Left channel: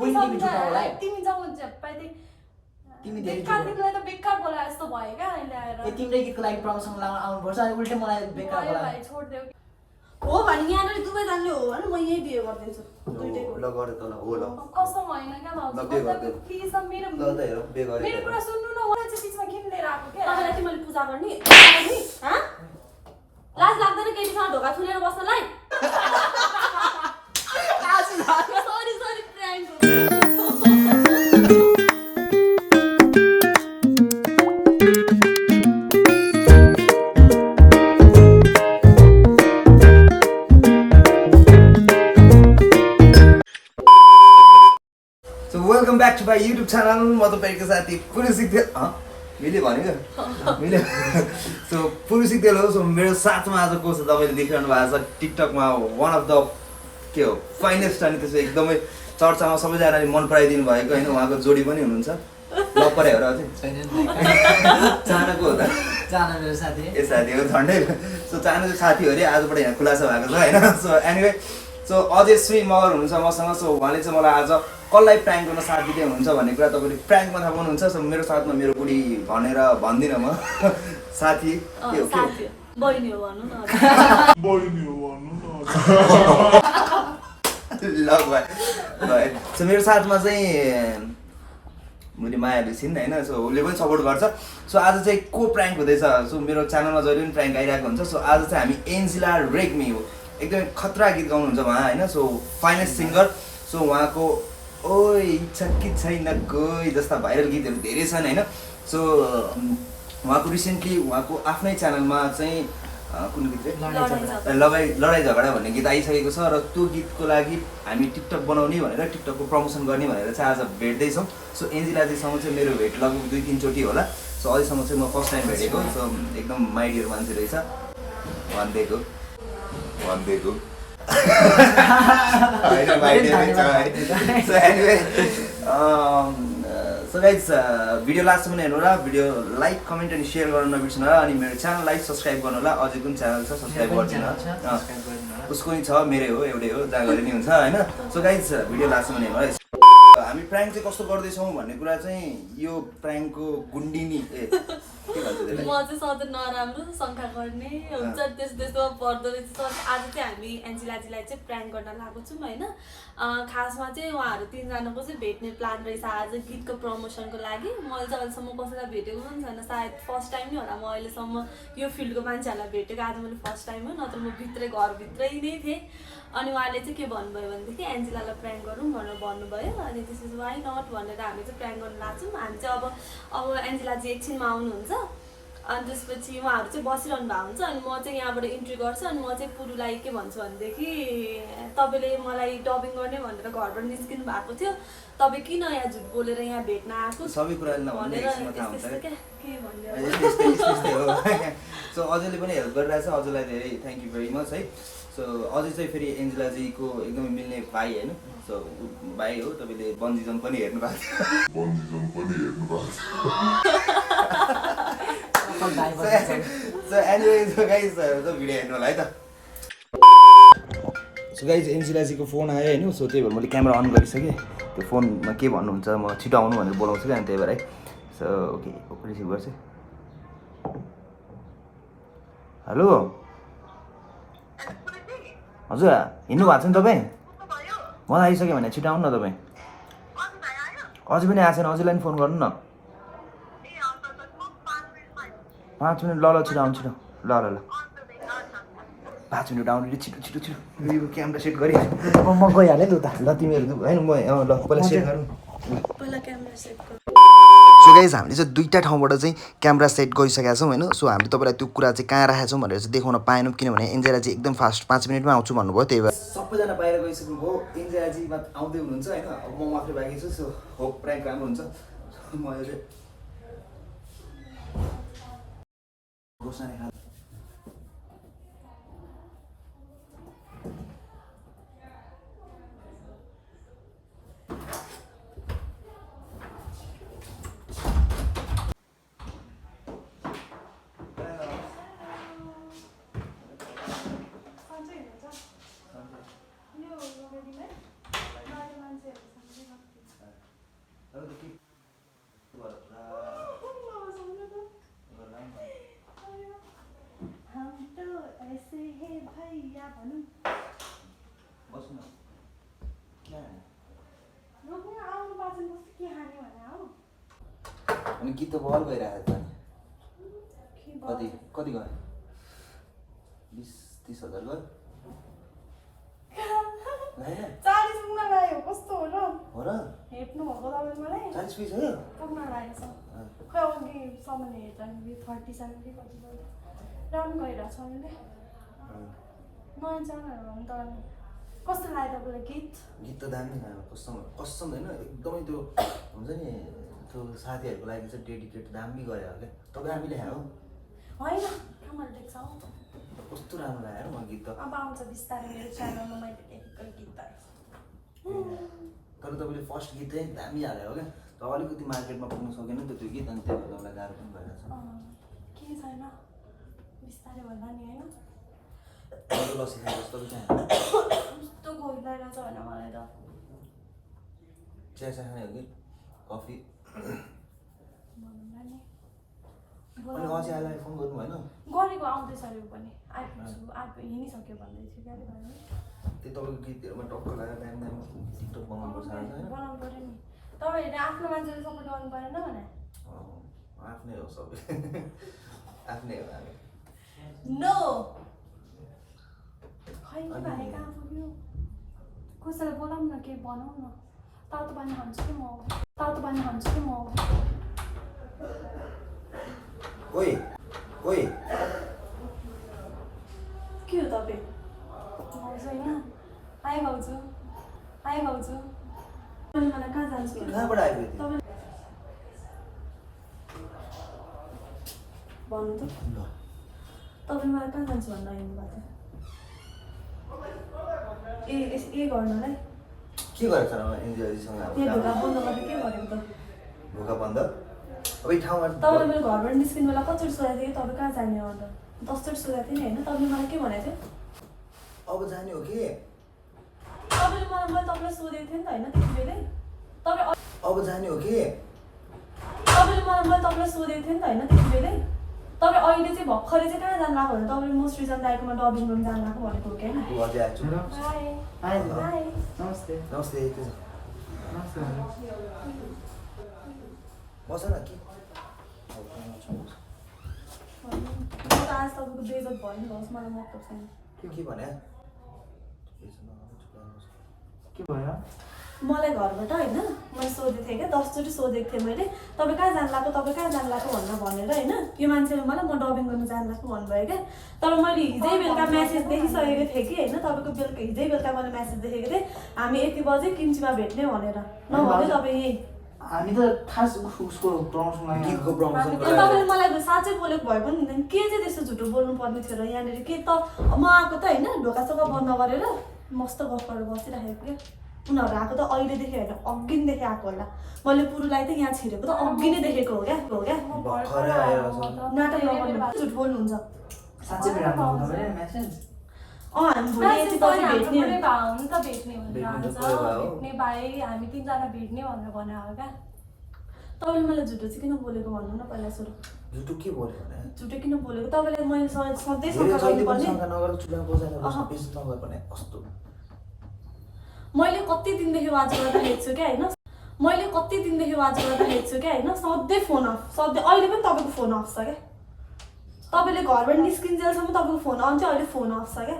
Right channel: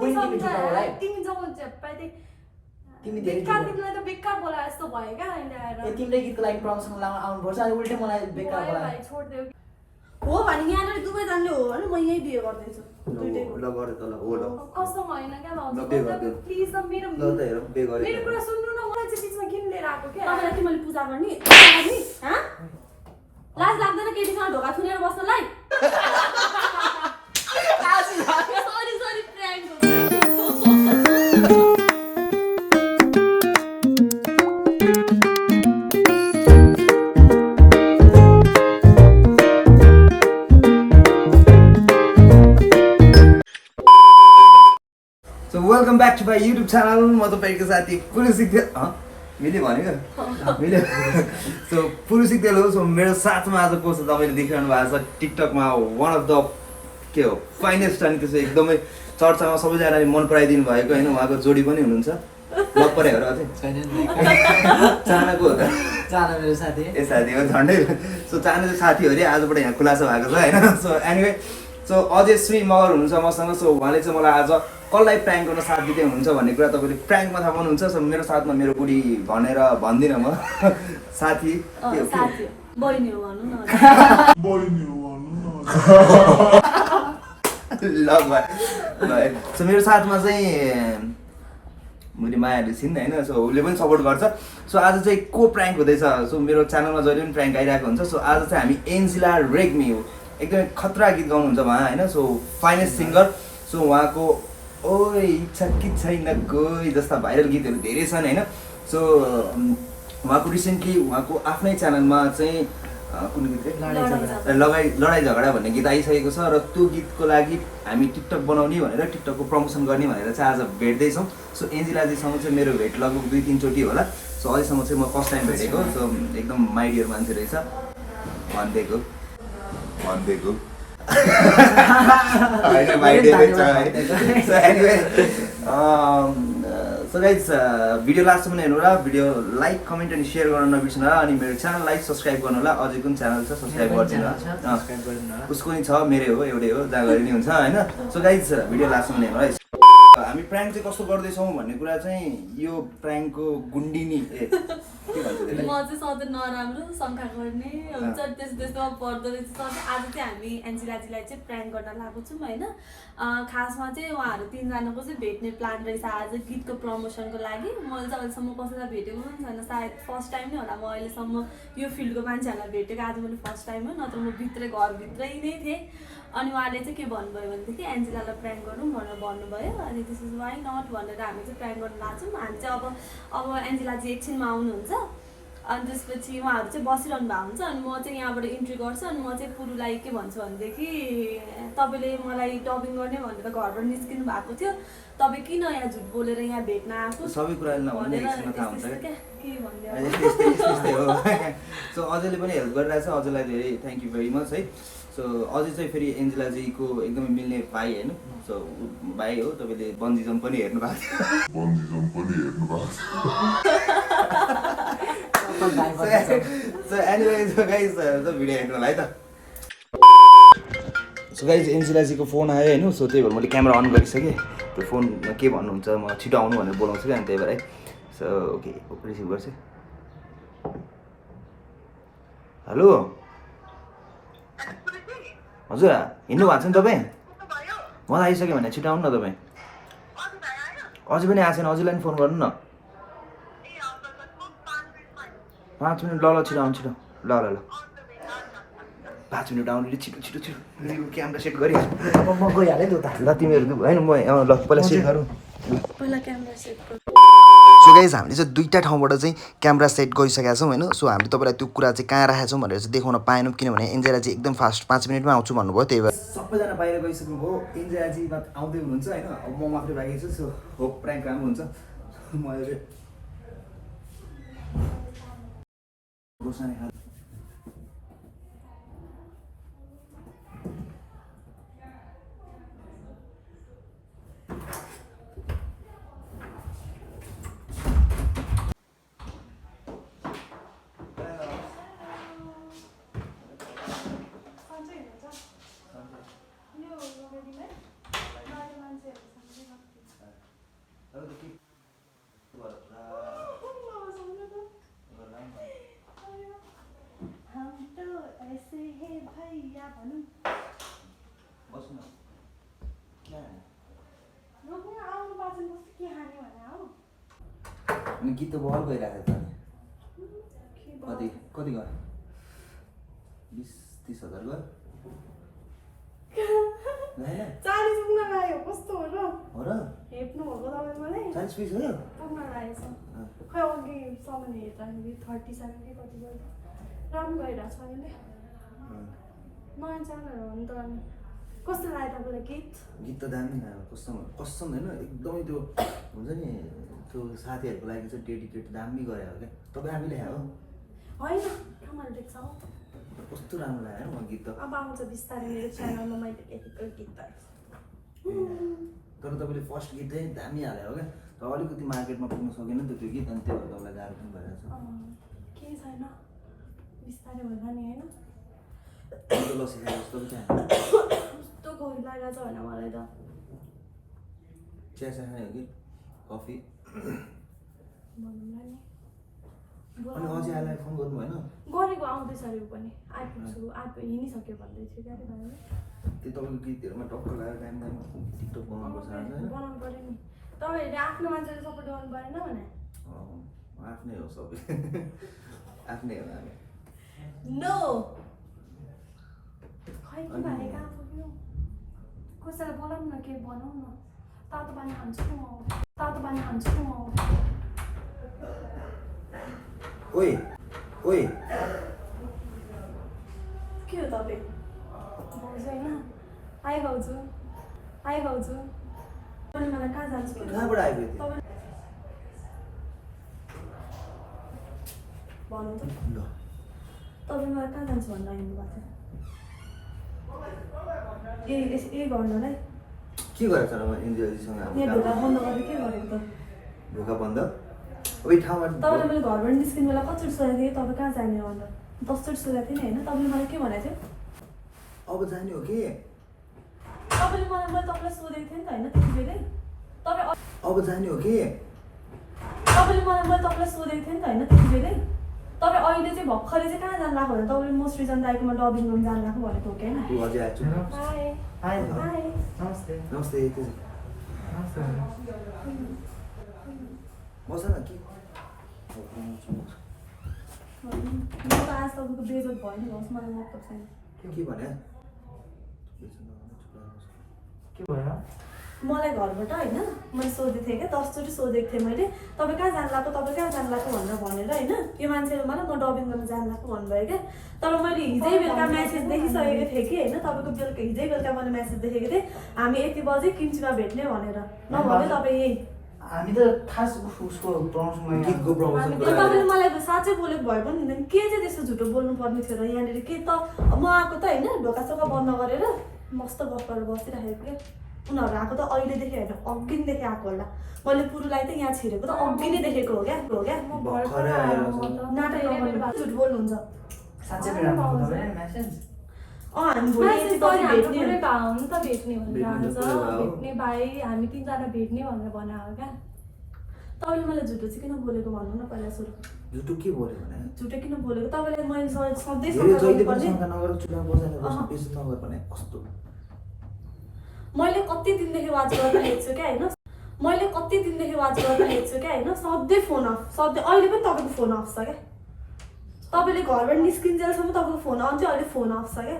तिमी झुटाउलाई तिमी जब झप्पै तिमी धेरै तिमीलाई त बेकार बोला जस्तो भयो क्या अहिले आएर तिम्रै गीतको लागि प्रमोसन लगाउन आउनुपर्छ अनि उल्टै मलाई बेकार बोला भाइ छोड्देऊ हो भने यहाँ दुवै जान्ने हो भने म यही बिहे गरिदिन्छु ल गरे त ल हो ल कसम होइन क्या ल बे गरिदेऊ प्लिज मेरो ल त हेर बे गरे मेरो कुरा सुन्नु न मलाई चाहिँ बिचमा किन लिएर आएको क्या तपाईँलाई तिमीले पूजा गर्ने हाँ लाज लाग्दैन केटीसँग ढोका थुनेर बस्नलाई sorry sorry prank welcome back to my YouTube channel म तपाईँको साथी पुरुषिक मैले भनेको मैले सो पुरुषिक तेल हो सो मेरो साथमा आज को छ तपाईँले देखिरहनु भएको छ टिकटकमा वान अफ द के हो फाइनेस्ट अनि त्यसो एकदमै चर्चामा सबैजनाले मन पराइदिनु भएको होइन उहाँको जोडी पनि हुनुहुन्छ लप परे हो र अझै चानाको हो त चाना मेरो साथी ए साथी हो झन्डै सो चाना चाहिँ साथी हो अरे आजबाट यहाँ खुलासा भएको छ होइन सो एनिवे सो अजयश्री मगर हुनुहुन्छ मसँग सो उहाँले चाहिँ मलाई आज कसलाई प्र्याङ्क गर्न साथ दिँदै हुनुहुन्छ भन्ने कुरा तपाईँले प्र्याङ्कमा थाहा पाउनुहुन्छ सो मेरो साथमा मेरो बुढी भनेर भन्दिनँ म साथी के हो के बहिनी हो भनौँ न ल भाइ सो मेरो साथमा चाहिँ मैले मायाले छिन् होइन सो उसले पनि सपोर्ट गर्छ सो आज चाहिँ को प्र्याङ्क हुँदैछ सो मेरो च्यानलमा जहिले पनि प्र्याङ्क आइरहेको हुन्छ सो आज चाहिँ हामी एन्जिला रेग्मी हो एकदमै खतरा गीत गाउनुहुन्छ उहाँ होइन सो फाइनेस्ट सिङ्गर सो उहाँको ओइ इच्छा कि छैन कोही जस्ता भाइरल गीतहरू धेरै छन् होइन सो उहाँको रिसेन्टली उहाँको आफ्नै च्यानलमा चाहिँ कुन गीत चाहिँ लडाइँ झगडा भन्ने गीत आइसकेको छ र त्यो गीतको लागि हामी टिकटक बनाउने भनेर टिकटकको प्रमोसन गर्ने भनेर चाहिँ आज भेट्दैछौँ सो एन्जिलाजीसँग चाहिँ मेरो भेट लगभग 2-3 चोटि होला सो अहिलेसम्म चाहिँ म फर्स्ट टाइम भेटेको सो एकदम माइडियर मान्छे रहेछ भनिदिएको सो गाइज भिडियो लास्टसम्म हेर्नु होला भिडियो लाइक कमेन्ट अनि सेयर गर्न नबिर्सनु होला अनि मेरो च्यानललाई सब्सक्राइब गर्नु होला अझै कुन च्यानल छ सब्सक्राइब गरिदिनु होला उसको नि छ मेरै हो एउटै हो जहाँ गरे नि हुन्छ होइन सो गाइज भिडियो लास्टसम्म हेर्नु होला हामी प्र्याङ्क चाहिँ कस्तो गर्दैछौँ भन्ने कुरा चाहिँ यो प्र्याङ्कको गुन्डिनी के भन्छ त्यसलाई म चाहिँ सधैँ नराम्रो शङ्का गर्ने हुन्छ त्यस्तोमा पर्दो रहेछ आज चाहिँ हामी एन्जिलाजीलाई चाहिँ प्र्याङ्क गर्न लागेको छौँ होइन खासमा चाहिँ उहाँहरू 3जनाको चाहिँ भेट्ने प्लान रहेछ आज गीतको प्रमोसनको लागि मैले चाहिँ अहिलेसम्म कसैलाई भेटेको पनि छैन सायद फर्स्ट टाइम नै होला म अहिलेसम्म यो फिल्डको मान्छेहरूलाई भेटेको आज मैले फर्स्ट टाइम हो नत्र म घरभित्रै नै थिएँ अनि उहाँले चाहिँ के भन्नुभयो भनेदेखि एन्जिलालाई प्र्याङ्क गरौँ भनेर भन्नुभयो अनि दिस इज वाइ नट भनेर हामी चाहिँ प्र्याङ्क गर्न लाग्छौँ हामी चाहिँ अब एन्जिलाजी एकछिनमा आउनुहुन्छ अनि त्यसपछि उहाँहरू चाहिँ बसिरहनु भएको हुन्छ अनि म चाहिँ यहाँबाट इन्ट्री गर्छु अनि म चाहिँ पुरुलाई के भन्छु भनेदेखि तपाईँले मलाई डबिङ गर्ने भनेर घरबाट निस्किनु भएको थियो तपाईँ किन यहाँ झुट बोलेर यहाँ भेट्न आएको सबै कुरा नभनेर थाहा हुन्छ के भन्यो सो अजयले पनि हेल्प गरिरहेछ अजयलाई धेरै थ्याङ्क यू भेरी मच है सो अझै चाहिँ फेरि एन्जिलाजीको एकदमै मिल्ने भाइ होइन सो भाइ हो तपाईँले बन्जी जम्प पनि हेर्नु भएको so anyway so guys video हेर्नु होला है त सो गाइज एन्जिलाजीको फोन आयो होइन सो त्यही भएर मैले क्यामेरा अन गरिसकेँ त्यो फोनमा के भन्नुहुन्छ म छिटो आउनु भनेर बोलाउँछु क्या अनि त्यही भएर है सो ओके रिसिभ गर्छु हेलो हजुर हिँड्नु भएको छ नि तपाईँ मलाई आइसक्यो भने छिटो आउनु न तपाईँ अझै पनि आएको छैन अझैलाई पनि फोन गर्नु न 5 मिनट ल छिटो आउनु छिटो ल 5 मिनट आउनु छिटो यो क्यामेरा सेट गरिहाल्नु म गइहालेँ नि त ल तिमीहरू होइन म ल पहिला सेट गरौँ पहिला क्यामेरा सेट गर्नु सो गाइज हामीले चाहिँ 2टा ठाउँबाट चाहिँ क्यामेरा सेट गरिसकेका छौँ होइन सो हामीले तपाईँलाई त्यो कुरा चाहिँ कहाँ राखेका छौँ भनेर चाहिँ देखाउन पाएनौँ किनभने एन्जेला चाहिँ एकदम फास्ट 5 मिनटमा आउँछु भन्नुभयो त्यही भएर सबैजना बाहिर गइसक्नुभयो एन्जेलाजी आउँदै हुनुहुन्छ होइन अब म मात्रै बाँकी छु सो होप प्र्याङ्क राम्रो हुन्छ मैले चाहिँ अनि गीत त बल गइरहेको छ नि कति कति गयो 20-30 हजार गयो होइन 40 पुग्न लाग्यो कस्तो हो र हो र हेप्नु भएको तपाईँ मलाई 40 पिस हो पुग्न लागेको छ खै अघि सामान हेर्दा नि 37 कि कति भयो राम्रो भइरहेको छ अहिले नयाँ च्यानलहरू हो नि तर कस्तो लाग्यो तपाईँलाई गीत गीत त दामी कसम कसम होइन एकदमै त्यो हुन्छ नि त्यो साथीहरूको लागि चाहिँ डेडिकेट दामी गयो क्या तपाईँ हामीले हो होइन कमाल देख्छ हौ कस्तो राम्रो लाग्यो म गीत त अब आउँछ बिस्तारै मेरो च्यानलमा मैले लेखेको गीतहरू तर तपाईँले फर्स्ट गीत चाहिँ दामी हाल्यो हो क्या तर अलिकति मार्केटमा पुग्न सकेन नि त त्यो गीत अनि त्यो तपाईँलाई गाह्रो पनि भइरहेछ केही छैन बिस्तारै भन्दा नि होइन लसी खाएर जस्तो पनि चाहिँ कस्तो कोही लगाइरहेछ होइन मलाई त चिया खाने हो कि कफी भनौँला नि अनि अझै आइलाई फोन गर्नु भएन गरेको आउँदैछ अरे पनि आइपुग्छु हिँडिसक्यो भन्दै थियो क्या भाइ त्यो तपाईँको गीतहरूमा टक्क लाग्यो टाइम टाइम टिकटक बनाउनुपर्छ होइन बनाउनु पऱ्यो नि तपाईँहरूले आफ्नो मान्छेले सपोर्ट गर्नु परेन भने आफ्नै हो सबै आफ्नै हो हामी नो खै के भाइ कहाँ पुग्यो कसैलाई बोलाउँ न के बनाऊ न तातो पानी खान्छु कि म तातो पानी खान्छु कि म ओइ ओइ के हो तपाईँ भाउजू होइन आइ भाउजू आइ भाउजू तपाईँले मलाई कहाँ जान्छु कहाँबाट आइपुग्यो त्यो भन्नु त ल तपाईँ मलाई कहाँ जान्छु भनेर हिँड्नु भएको थियो ए गर्नु र के गरेछ र एनजिओसँग अब यो ढोका काम? बन्द गरेर के गरेको त ढोका बन्द अब यो ठाउँमा तपाईँले मैले घरबाट निस्किनु बेला कतिचोटि सोधेको थिएँ तपाईँ कहाँ जाने हो भनेर 10 चोटि सोधेको थिएँ नि होइन तपाईँले मलाई के भनेको थियो अब जाने हो कि तपाईँले मैले तपाईँलाई सोधेको थिएँ नि त होइन त्यति बेलै तपाईँ अब जाने हो कि तपाईँले मैले तपाईँलाई सोधेको थिएँ नि त होइन त्यति बेलै तपाईँ अहिले चाहिँ भर्खरै चाहिँ कहाँ जानु लाग्यो भने तपाईँले म सृजन दाइकोमा डबिङ गर्नु जानु लाग्यो भनेको हो कि होइन ऊ अझै आएछु हाई हाई नमस्ते नमस्ते के छ नमस्ते बस न के म त आज तपाईँको बेजत भयो नि होस् मलाई मतलब छैन के भने के भयो मलाई घरबाट होइन मैले सोधेको थिएँ क्या 10 चोटि सोधेको थिएँ मैले तपाईँ कहाँ जानु लाग्यो तपाईँ कहाँ जानु लाग्यो भनेर होइन यो मान्छेले मलाई म डबिङ गर्नु जानु लाग्यो भन्नुभयो क्या तर मैले हिजै बेलुका म्यासेज देखिसकेको थिएँ कि होइन तपाईँको बेलुका हिजै बेलुका मैले म्यासेज देखेको थिएँ हामी 1 बजे किन्चीमा भेट्ने भनेर नभने तपाईँ यही हामी त खास उसको प्रमोसन लागि गीतको प्रमोसन तपाईँले मलाई साँच्चै बोलेको भए पनि हुँदैन के चाहिँ त्यस्तो झुटो बोल्नु पर्ने थियो र यहाँनिर के त म आएको त होइन ढोकासोका बन्द गरेर मस्त गफ गरेर बसिराखेको क्या उनीहरू आएको त अहिलेदेखि होइन अघिदेखि आएको होला मैले पुरुलाई त यहाँ छिरेको त अघि नै देखेको हो क्या भर्खरै आएर नाटक नगर्नु झुट बोल्नुहुन्छ साँच्चै बेला पाउँदैन मेसेज हामी म्यासेज भोलि पनि भेट्ने पुरै भए हुनु त भेट्ने भनेर भेट्नु त आउँछ पुरै भए हो। भेट्ने भाइ हामी 3 जना भेट्ने भनेर भनेर हो क्या तपाईँले मलाई झुटो चाहिँ किन बोलेको भन्नु न पहिला सुरु झुटो के बोल्यो भने झुटो किन बोलेको तपाईँलाई मैले सधैँ धेरै शङ्का जहिले पनि गर्नुपर्ने शङ्का नगर चुला बजाएर बस्नु बेसी नगर भने कस्तो मैले कति दिनदेखि वाच गरिरहेको छु क्या होइन मैले कति दिनदेखि वाच गरिरहेको छु क्या होइन सधैँ फोन अफ सधैँ अहिले पनि तपाईँको फोन अफ छ क्या तपाईँले घरबाट निस्किन्जेलसम्म तपाईँको फोन अन चाहिँ अहिले फोन अफ छ क्या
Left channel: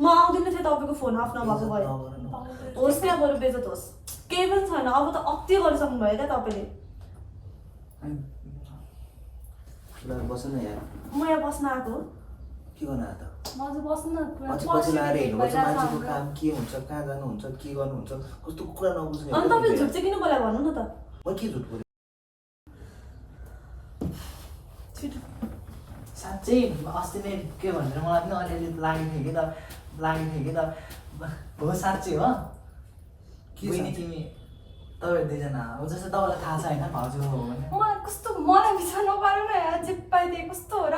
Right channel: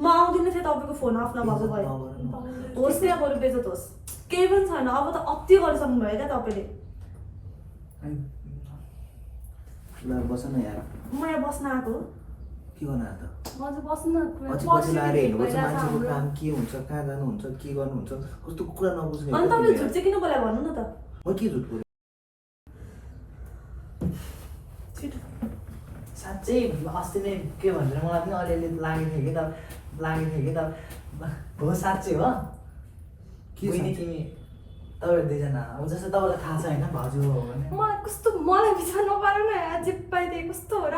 म आउँदिनँ थिएँ तपाईँको फोन अफ नभएको भए होस् त्यहाँ बरु बेजत होस् केही पनि छैन अब त अति गरिसक्नु भयो क्या तपाईँले चुला बस न यार म यहाँ बस्न आएको हो के गर्नु आयो त मजु बस्नु न पछि पछि लगाएर हिँड्नुपर्छ मान्छेको काम के हुन्छ कहाँ जानुहुन्छ के गर्नुहुन्छ कस्तो कुरा नबुझ्ने अनि तपाईँले झुट चाहिँ किन बोलायो भन्नु न त म के झुट बोलेँ छिटो साँच्चै अस्ति नै के भनेर मलाई पनि अलिअलि लागेको थियो कि त हो साँच्चै हो के बहिनी साँच्चै? तिमी तपाईँहरू दुईजना अब जस्तो तपाईँलाई थाहा छ होइन भाउजू हो भने मलाई कस्तो मलाई बिचमा नपारौँ न जे पाइदिए कस्तो हो र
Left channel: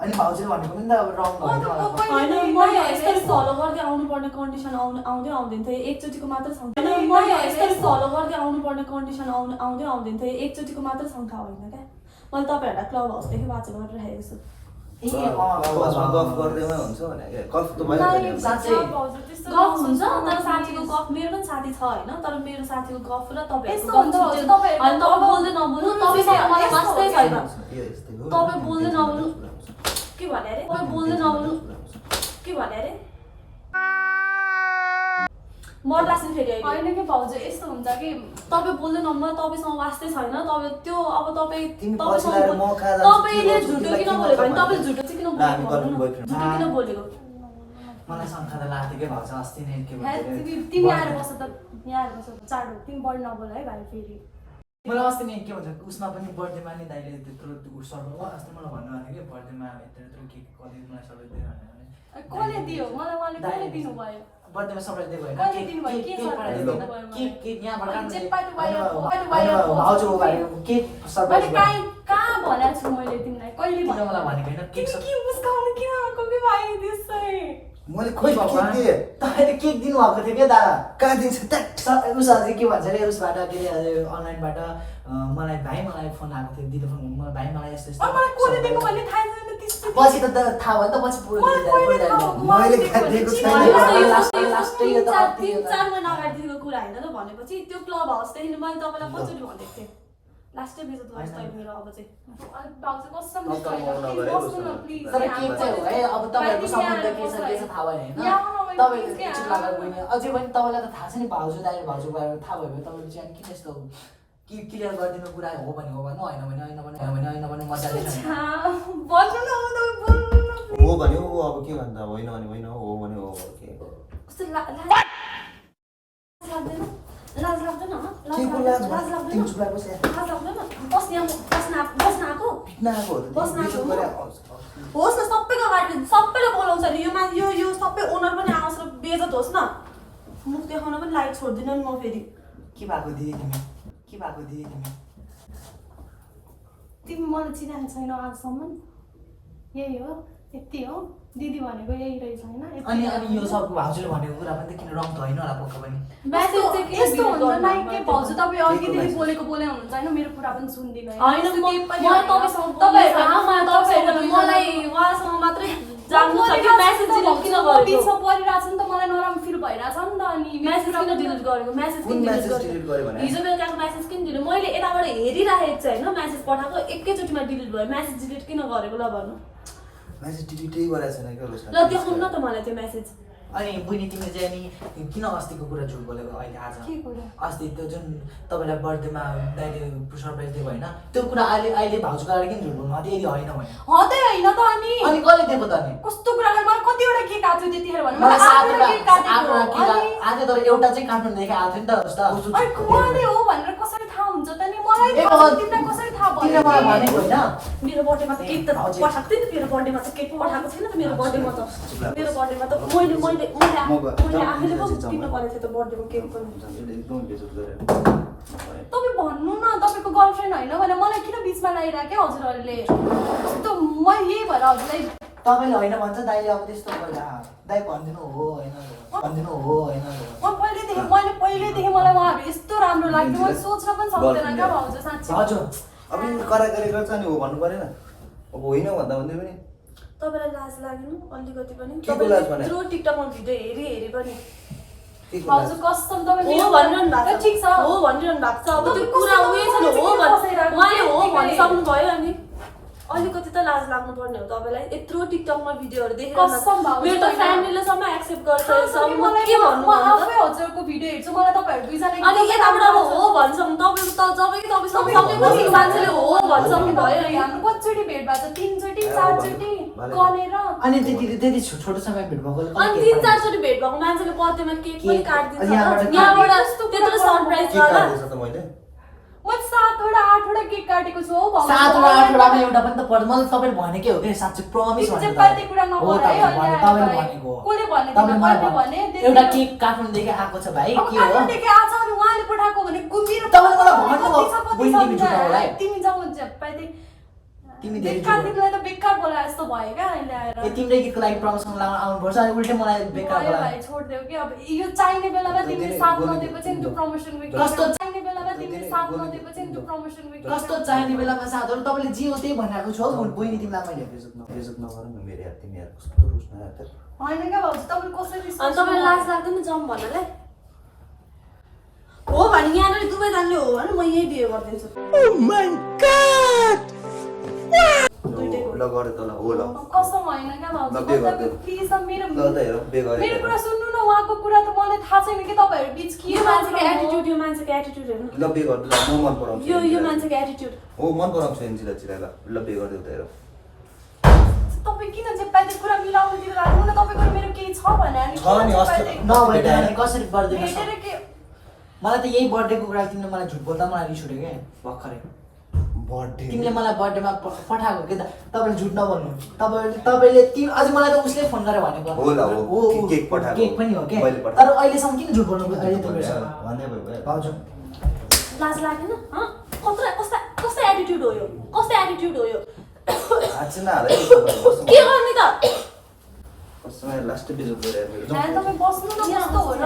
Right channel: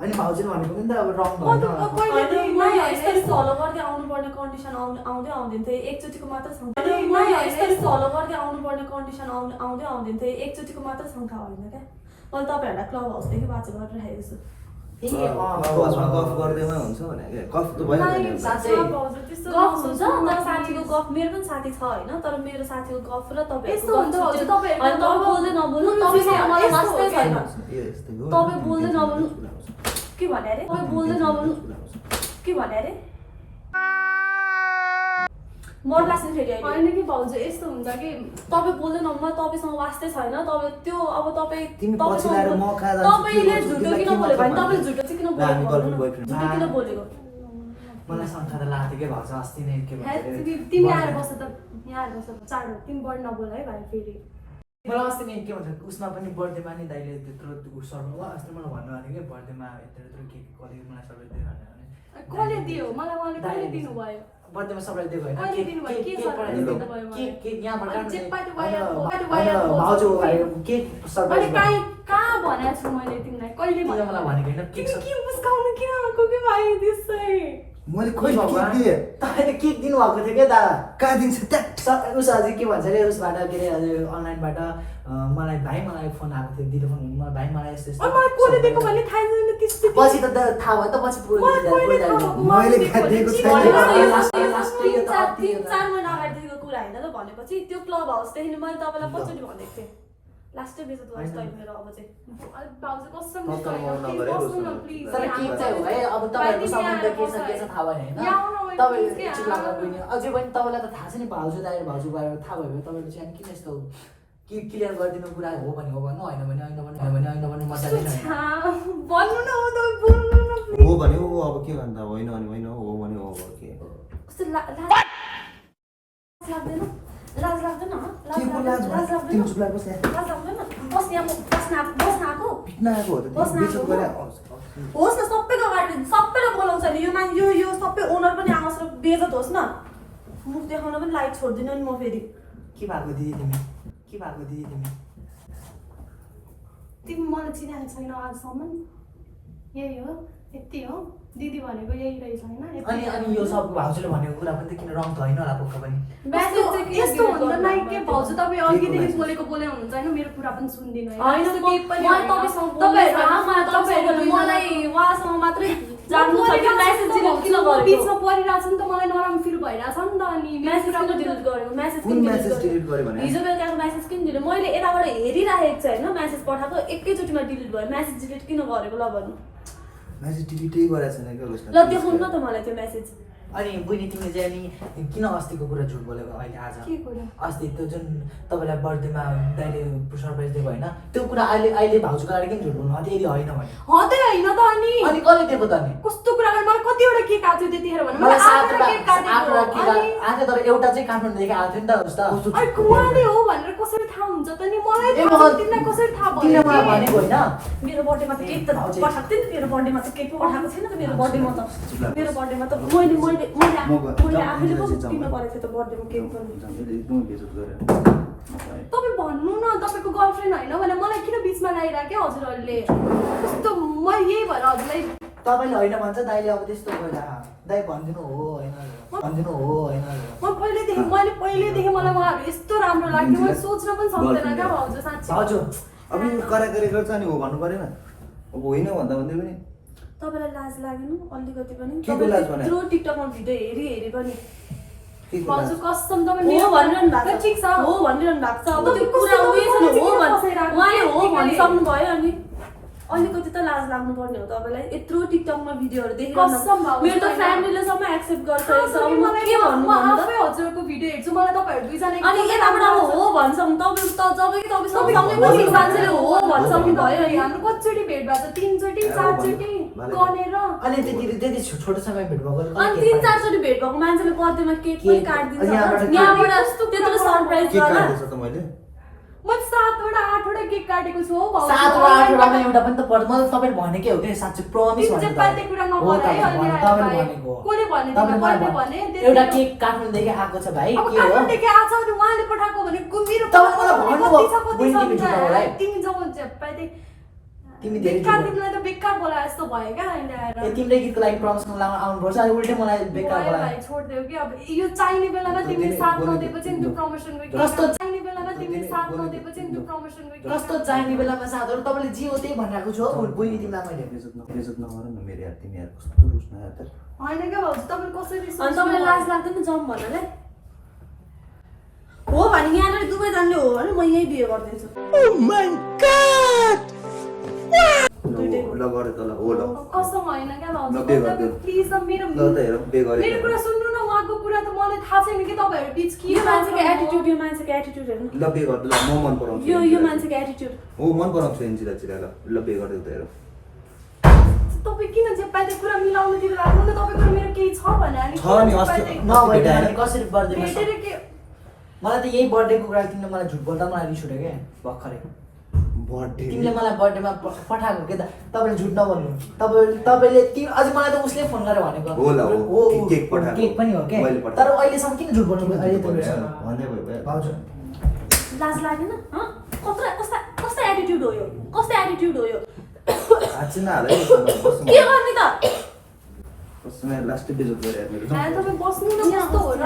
अनि भाउजूले भनेको पनि त अब रङ म त होइन, मैले यस्तरी फलो गर्दै आउनुपर्ने कन्डिसन आउँदै आउँदैन थियो एकचोटिको मात्र शङ्का मैले यस्तरी फलो गर्दै आउनुपर्ने कन्डिसन आउँदै आउँदैन थियो एकचोटिको मात्र शङ्का होइन क्या मैले तपाईँहरूलाई क्लब हाउसदेखि वाच गरिरहेको छु क्लबमा गफ गर्दैमा हुन्छ भने गफ त भइहाल्छ नि साँच्चै। गफ हुन्छ तर साथीको गफ मेरो पनि साथी छ होइन तर मेरो साथीको गफ र यस्तो तपाईँहरूको हुन्छ गफ हजुर, छुट्टै। तपाईँहरूको अनि तपाईँ बोल्दै नबोल्नु तपाईँसँग मलाई वास्तै छैन तपाईँ तपाईँ बोल्दै नबोल्नु के भने अरे तपाईँ बोल्दै नबोल्नु के भने अरे मर लाग्छ फेरि अहिले होइन कि भाउजू यस्तो हुन्छ कि तपाईँ बोल्दै नबोल्नु तपाईँसँग वास्तै छैन तपाईँ त्यो अब तपाईँ तिमी पछि ल्याएर म कहाँ जान्छु, तपाईँले के गर्छु, झुटो तिमीलाई किन के बोलेको मतलब भने तपाईँले झुटो चाहिँ किन ल, हामी बोलेको गर्लफ्रेन्ड बोयफ्रेन्ड झुटो किन बोलेको मलाई शङ्का त लाग्थ्यो के भाउजू अस्ति नै के भन्छ तिमी आएर बस्छ त यहाँ आएर बस्छ चाँडो तिमी बढी नबोल है भाइ फेरि मलाई अस्ति नै के भन्छ उसमा पनि बर्थडेमा नि दाइले त्यत्रो सर्नु अस्ति मलाई भन्नुभएको थियो कि बर्थडेमा यत्रो केक कति मलाई सबै दियो भनेर कसले दियो मलाई मैले कसले दिनुभयो बर्थडेमा सबैलाई दियो होइन कसले दिनुभयो के सरप्राइज दिनुभयो मलाई केक यहाँबाट जे पाइट वाइर भाउजू केक अनि सरप्राइज कहाँ भनेको छु मैले तिमीलाई कहिले मलाई भनेको होइन केक तिमी के मुस्काउनु किन आएको कि भाइ त्यसै मैले खोइ के दिएँ तपाईँले केक दिनुभएको थियो क्या दादा कहाँ दिन्छ ट्याट उस अझै के भन्छ अरे उसबाट के अरे अझै अनलाइनबाट मलाई भाइ मलाई फोन आएको थियो दिदी फोन मलाई भाइ मलाई यस्तो यस्तो मलाई कसले दिएको भन्ने थाहा छैन त्यस्तो पछि त थाहा भयो त पछि पुरो मैले कहाँ दिएको छैन। तिन चार महिना अगाडिदेखिको कुरा होइन त भनेपछि त्यो क्लब हाउसदेखि मैले तपाईँलाई कसरी भनेको थिएँ लास्टै बेजत गर्छ तपाईँ मेरो अब चाहिँ भाउजू कसम बस्नु न, प्लिज तर केक चाहिँ हो है अब तपाईँहरूको सम्बन्ध के छ थाहा भएन होइन तपाईँले एकचोटि लगाएको होइन अझै पनि तपाईँलाई त थाहा छ नि भाउजू दाइ भाउजू गएर थाहा भयो तपाईँले चाहिँ किन यस्तो कि क्लियर गरिदिनु कुरा हो भने हो भन्नु होइन भने होइन भन्नु होइन भने होइन भन्नु मजाले भन्नु न तपाईँ बोल्नु न हो भन्यो हो अब के भन्दा होइन भने होइन हो भने हो के कस्तो लाज लाग्दैन के को लाज भयो तिमी चुप लाग बस यहाँ लाज लाग्दैन बस यहाँ बस्न आएको पिट्न आएको हो त बस्न तिमी बेचत आएको गरेर होस् न सबैको अगाडि सबैले बोलाउँछ नि यो सबै ओनर पनि आओस् र बेजत होस् न मुख देखाउन पनि लाइट छोड्दिनँ नि म फेरि के भएको दिदी तिमी के भएको दिदी तिमी तिमी मलाई चिनाएको छैन आजसम्म यही हो यति हो दिदी भनेको यही रहेछ होइन अनि यो सब भाउजूले भनेको कुरा पनि त किन रङ त होइन होला पक्का पनि म्यासेज चाहिँ किन यस्तो delete हुन्छ लाइक के गर्नु भाउजू तपाईँ अघिदेखि message? बोलेको बोले हुनुहुन्छ होइन मेरो कुरा पनि सुन्दिनँ होइन त्यस्तो केही पनि मलाई होइन। तपाईँसँग तपाईँहरू मलाई उहाँसँग मात्रै जान्नु छ कि म्यासेज डिलिट किन गरेको बिचमा परिरहेको छ नि त मलाई नराम्रो फिल भइरहेछ नि त अनि म्यासेज किन डिलिट गरेको म्यासेज कुन किन message डिलिट delete गर्यो भने? हिजो बेलुकाको म्यासेज किन डिलिट मैले यताबाट हेरिरहेको छु होइन म्यासेज पठाएको एकैचोटिमा डिलिट भयो म्यासेज डिलिट किन गरेको ल भन्नु म्यासेज डिलिटै गरेको छैन क्या उसले ल देखाउनु न त मलाई त्यो म्यासेज अनि बहिनी तिमीले चाहिँ नि किन अस्तिको कुरा झुट बोलेको अहिले आज के कुरा अस्ति त्यो जुन तपाईँलाई बर्थडेमा दाइले सरप्राइज दिएको होइन त्यो कुरा अहिले भाउजूको अगाडि किन झुट बोल्नु अनि यदि होइन भने हदै होइन त अनि कसले दिएको त नि कस्तो कुरा गर्नु मलाई कतिवटा केक आएको थियो त्यतिखेर भने मलाई मैले आठवटा केक काटेको अनि आज तर एउटा चाहिँ काठमाडौँदेखि आएको थियो नि त उस्ता अनि कुवाले हो भनेर कसरी थाहा हुन्छ त नि मलाई ए थाहा भगवान्, छ, तिमीलाई कसरी थाहा तिमीले भयो मलाई भनेको होइन मेरो बर्थडेमा त केक त भाउजू। पठाएको थिएँ नि मेरो बर्थडेमा त केक पठाएको छैन त मेरो बर्थडेमा त मेरो बर्थडेमा त मैले आफैले पो किन्न परेको थियो त बर्थडेमा केक पनि एकदमै बेचत गरेर तपाईँ भन्नु न तपाईँको गर्लफ्रेन्ड होइन भने मलाई किन बिचमा ल्याइरहेको क्या हजुरहरूले कस्तो म यही भएर हजुरलाई तपाईँले होइन भन्छ दाइले अब त्यस्तो गर्दा दाइ भनिदिनु हो होइन भनिदिनु हो होइन मैले पहिल्यैदेखि मलाई उहाँहरू यस्तो राम्रो लाग्थ्यो मैले सोच्न पनि सक्दैन क्या हजुर साँच्ची हजुर अब यो कराकरी गर्छ नि हो भन्नु परेन अब होइन भन्दा भन्दै पनि तपाईँलाई लाज लागेन अलिकति पनि के को लाज भने? थ्रु टिकटकमा भिडियो हेरी पनि के को भाउजू लाज? कसम तपाईँ हो मेरो भनिरहनु भएको त ठिक छ हो भनिरहनु भएको छ अब त्यो तपाईँ कुरा कस्तो उयो छ नि हो बसिरहेको उहाँले हो त्यतिकै। भनिसक्नु भयो अनि अलिकति त लाज लाग्नु पर्ने हो तपाईँलाई यत्रो टिकटकमा भिडियोहरू कसम देखिरहनु भाउजू मेरो त होइन। फ्यामिलीले सबै एक्सेप्ट गर्छ तपाईँ म मलाई के भन्नु म भन्नु त? आफै हजुरको भिडियो हेर्छु मलाई तपाईँहरू दुईजना अनि यताबाट अब हो भन्छौँ तपाईँ त तपाईँसँग सँगै मान्छेले हो भन्छौँ भयो अनि हाम्रो कतिचोटि भेट भएको छ 3 चोटि 4 चोटि गनेर अनि त्यति छोटो समय भेट भएको अनि 3-4 चोटि भेट भएको मान्छेले बर्थडेमा केक पनि केक- काटिदिन्छ अनि यहाँबाट यहाँबाट त्यत्रो सरप्राइज के गर्दा काट्दैछ त मैले मैले 7वटा 8वटा केक काटेको छु हो भाउजू 7वटा 8वटामा एउटा पनि त पर्दैन मलाई तपाईँले भनेकै हो कि साँच्चै प्रमिस तिमी भनेको चाहिँ कति कुरा नगर है अहिले आएर तपाईँले भाइ। भनेको हो कसले भने तपाईँले तिमीलाई मलाई कसले भने भने एउटा केक काठमाडौँदेखि आएको छ भाइ अब के हो काठमाडौँदेखि आएको छ भने उहाँले पठाएको भने मेरो तपाईँले मलाई भन्नुभयो, कति छ, कति बहिनी छ तिमी झुटा होला है। तिमी जब झ्याप्पाइदिए तिमी धेरै बेकार झुटा। तिमीलाई त बेकार बोलाए जस्तो भयो क्या अहिले आएर ए तिमीले गीतको लागि प्रमोसन लगाउन आउनुपर्छ अनि उल्टै मलाई बेकार भयो बोलायो भाइ छोडिदेऊ कि अब यो चाहिने बेलामा तिमीले तिमी साथ बोलेको नदिएको चाहिँ त्यो तिम्रो प्रमोसनको कस्तो चाहिने बेलामा तिमीले साथ नदिएपछि त्यो प्रमोसनको कस्तो चाहिने बेलामा साथहरू तपाईँले जे हो त्यही भनिरहेको छु हौ बहिनी तिमीलाई मैले बेइज्जत नगर न मेरो यार तिमी यार कस्तो रुस्न यार होइन क्या भाउजू तपाईँ कसरी अनि तपाईँलाई लाज लाग्दैन जाउँ भन्नाले हो भने यहाँनिर दुवैजनाले हो भने म यही बिहे गरिदिन्छु ल गरे त ल हो ल कसम होइन क्या ल बे गरिदेऊ प्लिज मेरो ल त हेर बे गरे मेरो कुरा सुन्नु न उहाँको कुरा त मलाई थाहा छैन कि तपाईँहरू बिच के यो मान्छेको एटिट्युड यो मान्छेको एटिट्युड हेर्नु ल बे गरिदेऊ ल म मन पराउँछु यो मान्छेको एटिट्युड हो मन पराउँछु एन्जिला चिरा ल बे गरिदेऊ त हेर तपाईँ किन चाहिँ पाइदिएको कुरा मिलाउनुतिर लाग्नु न तपाईँको मेरो केही छ भने अनि छ नि अस्ति नभए कसरी बर्थडे भेटेर के मलाई त यही बर्थडेको कुरा तिमीले मलाई झुट बोल्दा मलाई रिस उठ्यो क्या भर्खरै बर्थडे तिमीले मलाई बर्थडेमा पठाएको के त तपाईँले झुट नबोल्नु तपाईँले अझै मलाई त उसले फोन गरेर भनेको होला हो केक पठाएको केक पनि हो के मैले पठाएको तर अहिलेसम्म किन झुट बोल्नु अहिले त मेरो भन्दै भयो भाउजू लाज लाग्दैन कस्तो एटिट्युड हो यो कस्तो एटिट्युड हो यो आज न हालै के गर्ने त कसमै लास्ट बेजोत गरे यार मेरो तपाईँ बस्नु न कस्तो हो र